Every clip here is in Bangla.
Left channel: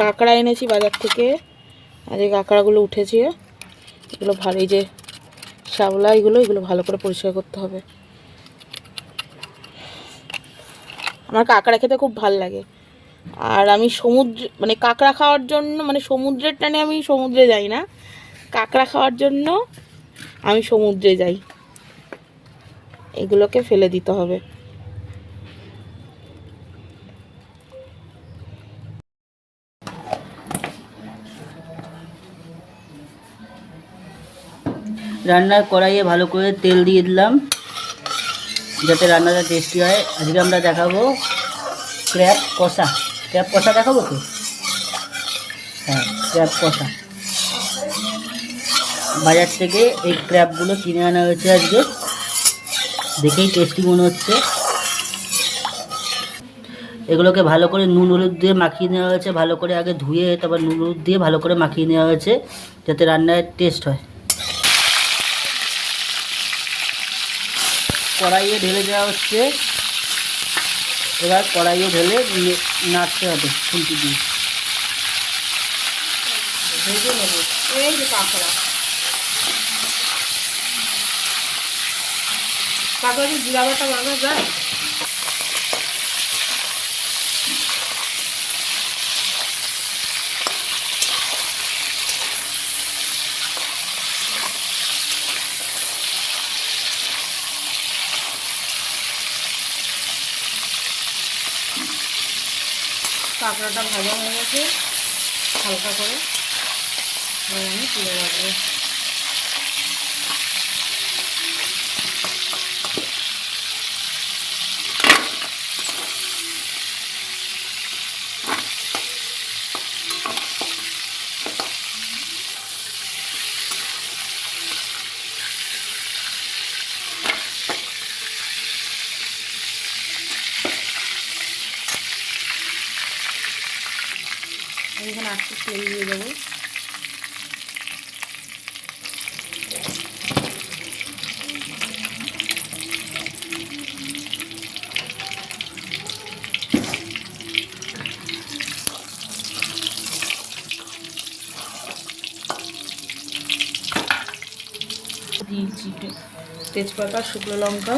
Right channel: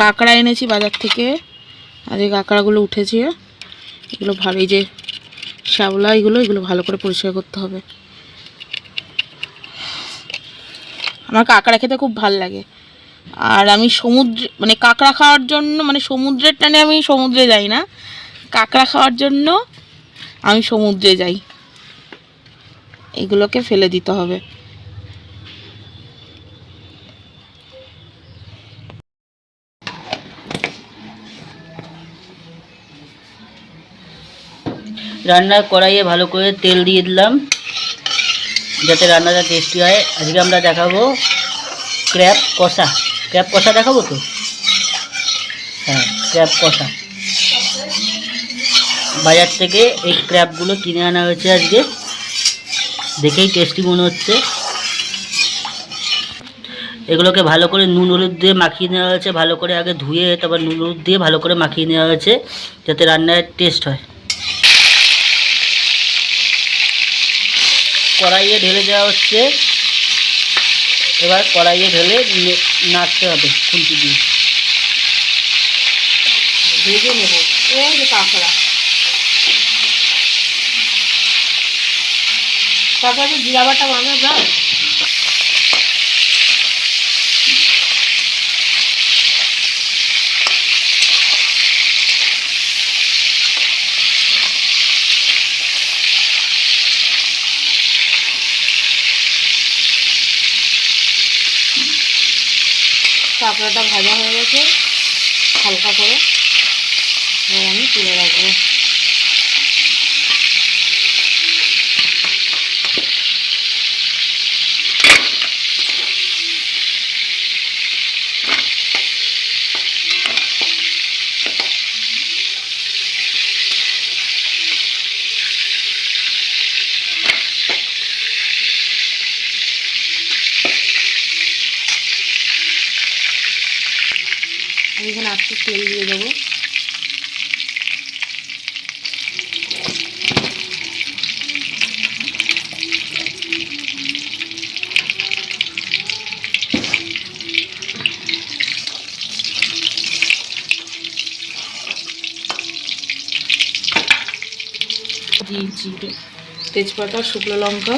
কাঁকড়া এনেছি বাজার থেকে। আর এই কাঁকড়াগুলো উঠেছে, এগুলো ভালো, এই যে শ্যাওলা, এগুলো ভালো করে পরিষ্কার করতে হবে। আমার কাঁকড়া খেতে খুব ভালো লাগে। আর আমি সমুদ্রে, মানে কাঁকড়া খাওয়ার জন্য, মানে সমুদ্রের টানে আমি সমুদ্রে যাই না, কাঁকড়া খাওয়ার জন্য আমি সমুদ্রে যাই। এগুলোকে ফেলে দিতে হবে। রান্নার কড়াইয়ে ভালো করে তেল দিয়ে দিলাম যাতে রান্নাটা টেস্টি হয়। আজকে আমরা দেখাবো ক্র্যাব কষা। ক্র্যাব কষা দেখাবো তো? হ্যাঁ, ক্র্যাব কষা। বাজার থেকে এই ক্র্যাবগুলো কিনে আনা হয়েছে আজকে, দেখেই টেস্টি মনে হচ্ছে। এগুলোকে ভালো করে নুন হলুদ দিয়ে মাখিয়ে নেওয়া হয়েছে, ভালো করে আগে ধুয়ে তারপর নুন হলুদ দিয়ে ভালো করে মাখিয়ে নেওয়া হয়েছে যাতে রান্নার টেস্ট হয়। কড়াইয়ে ঢেলে দেওয়া হচ্ছে। এবার কড়াইয়ে ঢেলে নাড়তে হবে খুন্তি দিয়ে। ভেজে নেব। এই যে কাঁকড়া, কাঁকড়াকে জিরা বাটা বানানো যায়। কাঁকড়াটা ভাজা হয়ে গেছে হালকা করে, আমি তুলে রাখবো। এখানে আস্তে তেল দিয়ে দেবো। জিরে, তেজপাতা, শুকনো লঙ্কা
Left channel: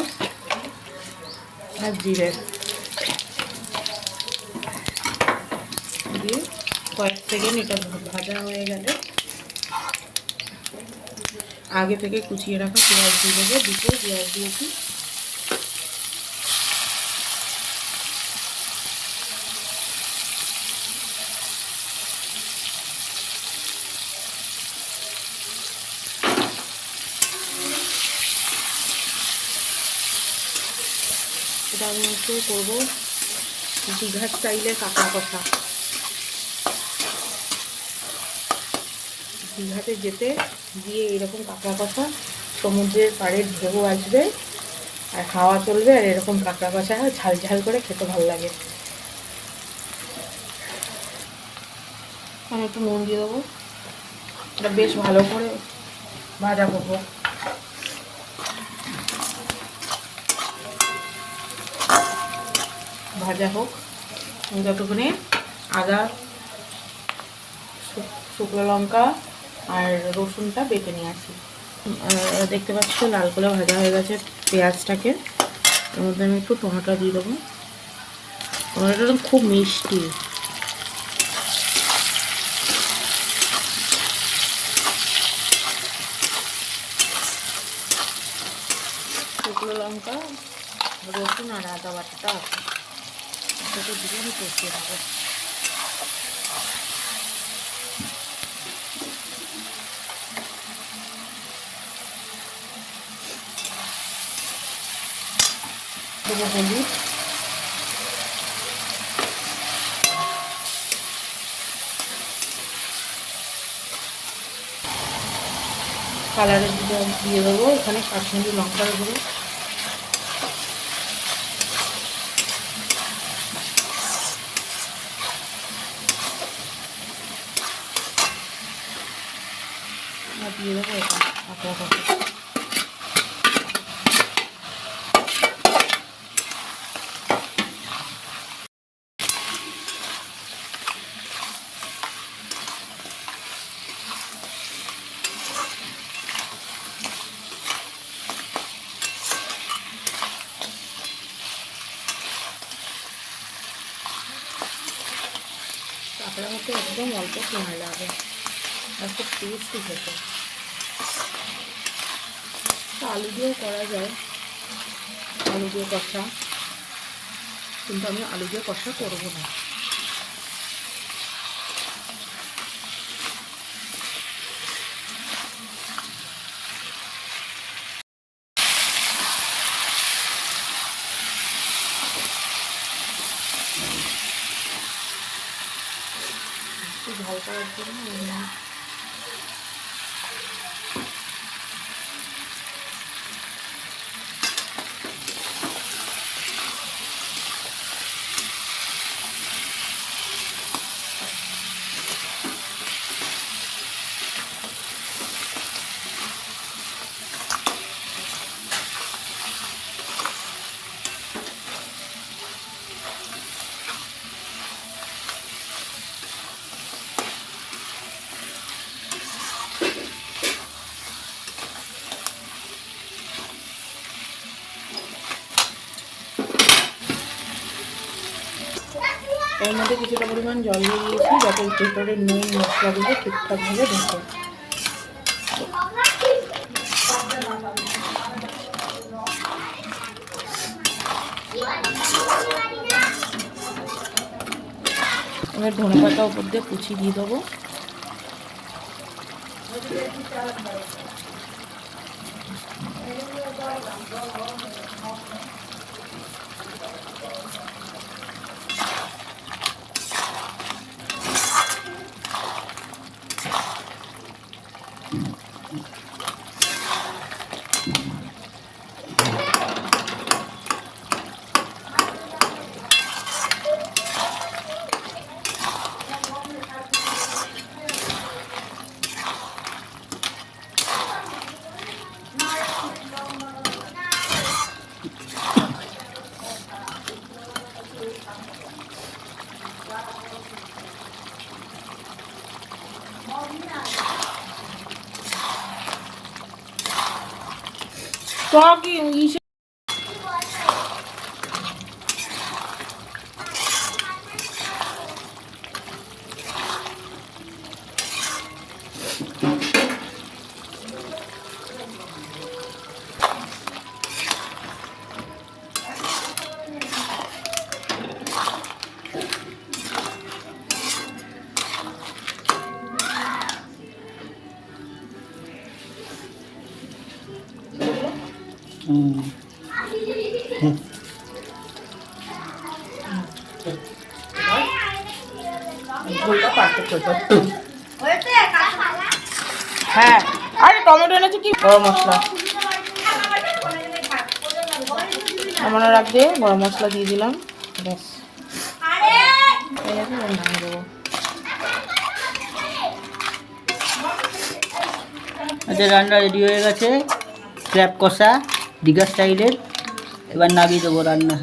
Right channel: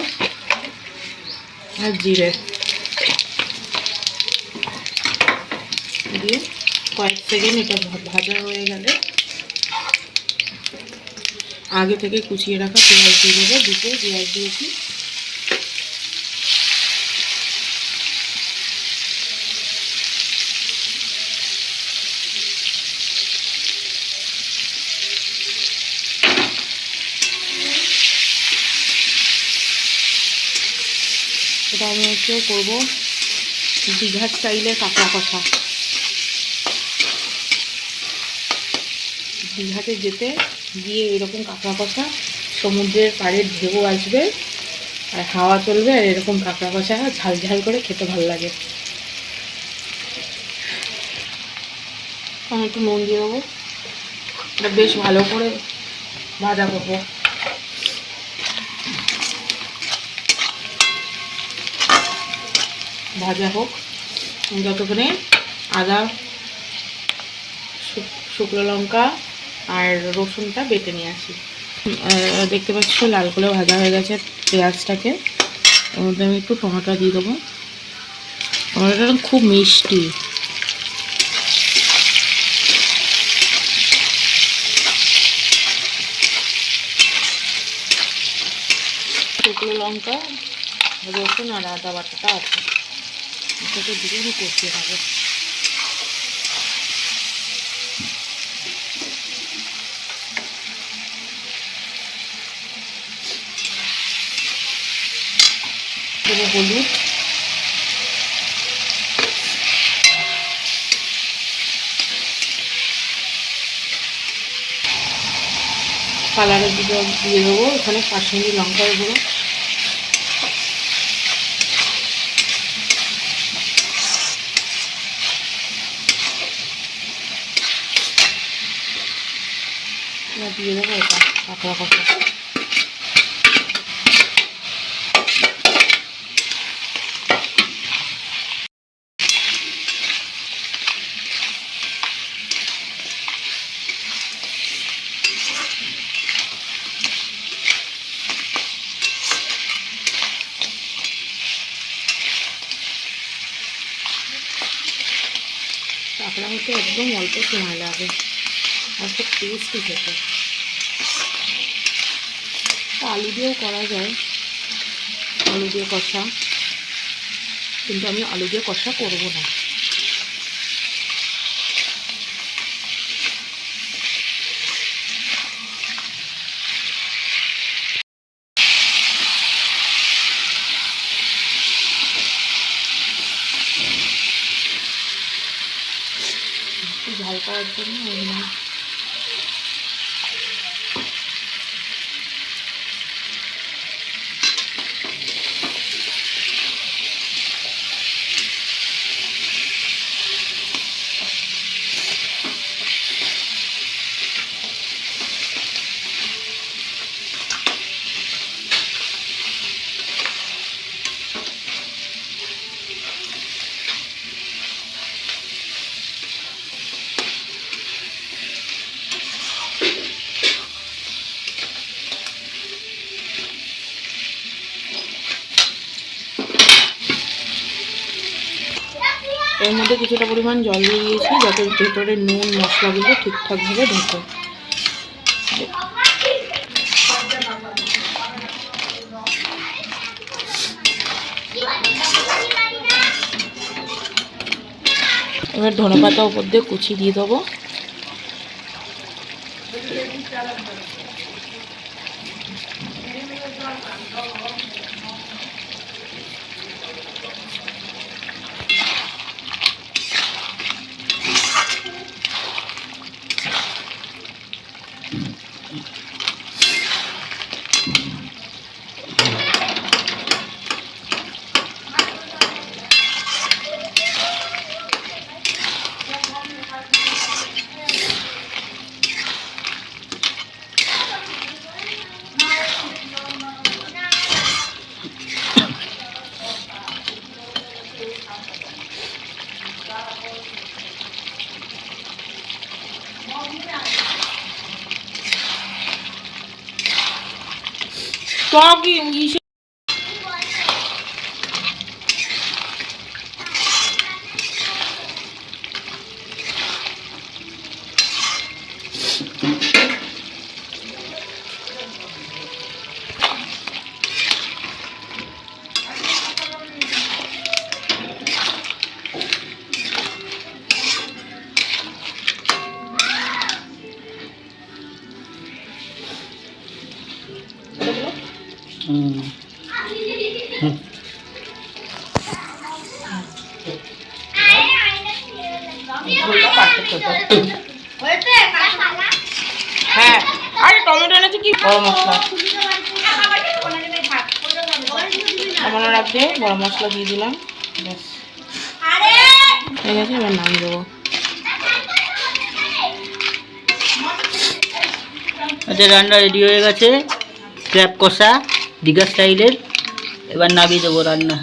আর জিরে দিয়ে কয়েক সেকেন্ড এটা ভাজা হয়ে গেলে আগে থেকে কুচিয়ে রাখা পেঁয়াজ দিয়ে দেবো। দুটো পেঁয়াজ দিয়েছি। এটা আমি হচ্ছে করবো দীঘার স্টাইলে কাঁকড়া কষা। দীঘাতে যেতে গিয়ে এরকম কাঁকড়া কষা, সমুদ্রের পাড়ে ঢেউ আসবে আর হাওয়া চলবে, আর এরকম কাঁকড়া কষা ঝাল ঝাল করে খেতে ভালো লাগে। আমি একটু নুন দিয়ে দেবো। এটা বেশ ভালো করে ভাজা করবো। ভাজা হোক যতক্ষণে আদা, শুকনো লঙ্কা আর রসুনটা বেটে নিয়ে আসি। দেখতে পাচ্ছ লাল করে ভাজা হয়ে গেছে পেঁয়াজটাকে। এর মধ্যে আমি একটু টমেটো দিয়ে দেবো। টমেটোটা খুব মিষ্টি। শুকনো লঙ্কা, রসুন আর আদা বাটাটা আছে, এটাকে দিয়ে আমি কষিয়ে থাকবো। দেবো হলুদ, কালারের দিয়ে দেবো এখানে কাশ্মীরি লঙ্কা দেবো। দিয়ে দেবো এটা কাঁকড়া কষা। কাঁকড়া হতে একদম অল্প সময় লাগে, আর খুব টেস্টি খেতে। আলু দিয়েও করা যায়, আলু দিয়ে কষা, কিন্তু আমি আলু দিয়ে কষা করবো না। একটু ঝাল করার জন্য এর মধ্যে কিছুটা পরিমাণ জল দিয়ে দিয়েছি, যাতে ভেতরে নুন মশলাগুলো ঠিকঠাকভাবে ঢোকে। এবার ধনেপাতা উপর দিয়ে কুচি দিয়ে দেবো। হ্যাঁ, আরে টমেটো এনেছি কি গরম মশলা, নামানোর আগে গরম মশলা দিয়ে দিলাম, ব্যাস হয়ে গেছে। এবার নামিয়ে দেবো। আচ্ছা, রান্না রেডি হয়ে গেছে, ক্র্যাব কষা দীঘা স্টাইলের। এবার নামিয়ে দেবো রান্না।